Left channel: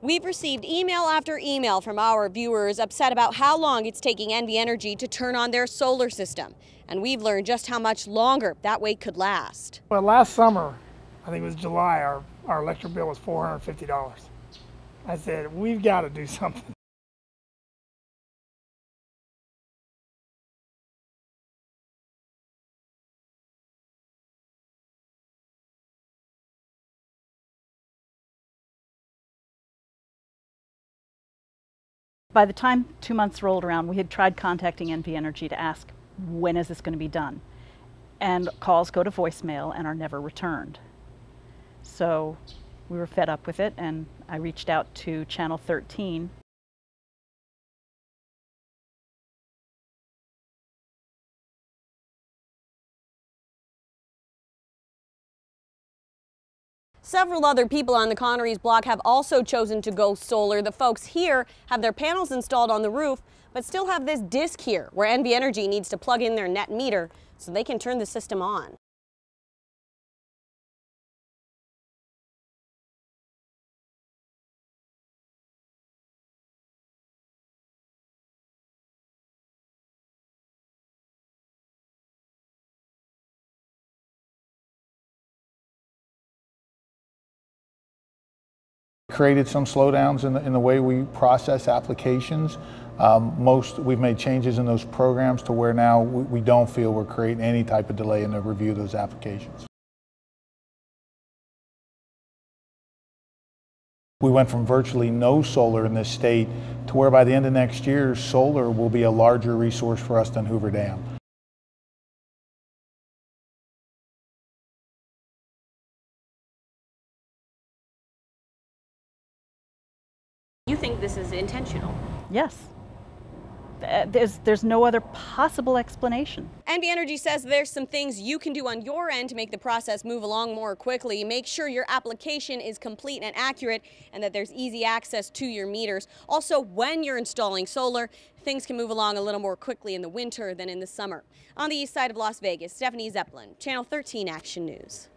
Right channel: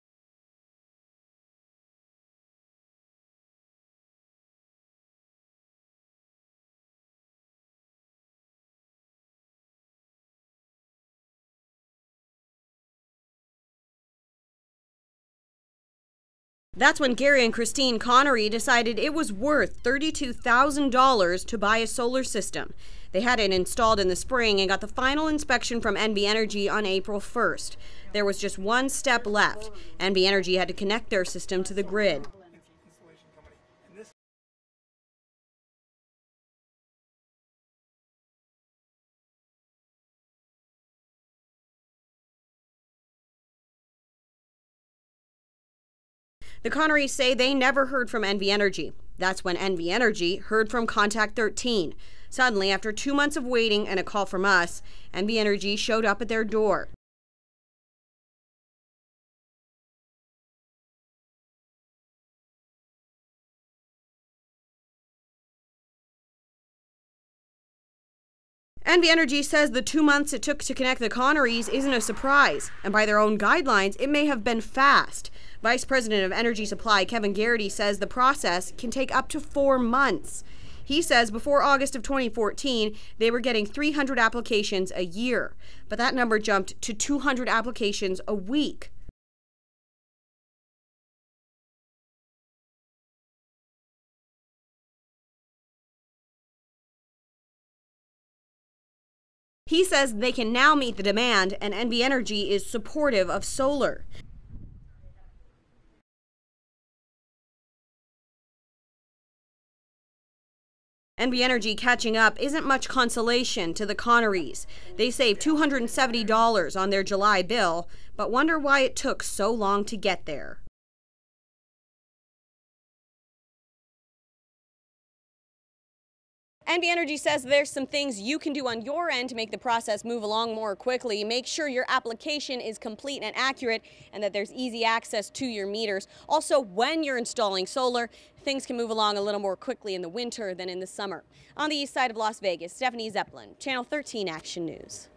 We've received email after email from our viewers upset about how long it's taking NV Energy to turn on their solar system. And we've learned just how much longer that wait could last. Well, last summer, I think it was July, our electric bill was $450. I said, we've got to do something. That's when Gary and Christine Connery decided it was worth $32,000 to buy a solar system. They had it installed in the spring and got the final inspection from NV Energy on April 1st. There was just one step left. NV Energy had to connect their system to the grid. By the time 2 months rolled around, we had tried contacting NV Energy to ask, when is this going to be done? And calls go to voicemail and are never returned. So we were fed up with it, and I reached out to Channel 13. The Connerys say they never heard from NV Energy. That's when NV Energy heard from Contact 13. Suddenly, after 2 months of waiting and a call from us, NV Energy showed up at their door. Several other people on the Connerys block have also chosen to go solar. The folks here have their panels installed on the roof, but still have this disc here where NV Energy needs to plug in their net meter so they can turn the system on. NV Energy says the 2 months it took to connect the Connerys isn't a surprise, and by their own guidelines, it may have been fast. Vice President of Energy Supply Kevin Garrity says the process can take up to 4 months. He says before August of 2014, they were getting 300 applications a year, but that number jumped to 200 applications a week. Created some slowdowns in the way we process applications. We've made changes in those programs to where now we don't feel we're creating any type of delay in the review of those applications. He says they can now meet the demand, and NV Energy is supportive of solar. We went from virtually no solar in this state to where by the end of next year, solar will be a larger resource for us than Hoover Dam. NV Energy catching up isn't much consolation to the Connerys. They saved $270 on their July bill, but wonder why it took so long to get there. You think this is intentional? Yes. There's no other possible explanation. NV Energy says there's some things you can do on your end to make the process move along more quickly. Make sure your application is complete and accurate and that there's easy access to your meters. Also, when you're installing solar, things can move along a little more quickly in the winter than in the summer. On the east side of Las Vegas, Stephanie Zeppelin, Channel 13 Action News.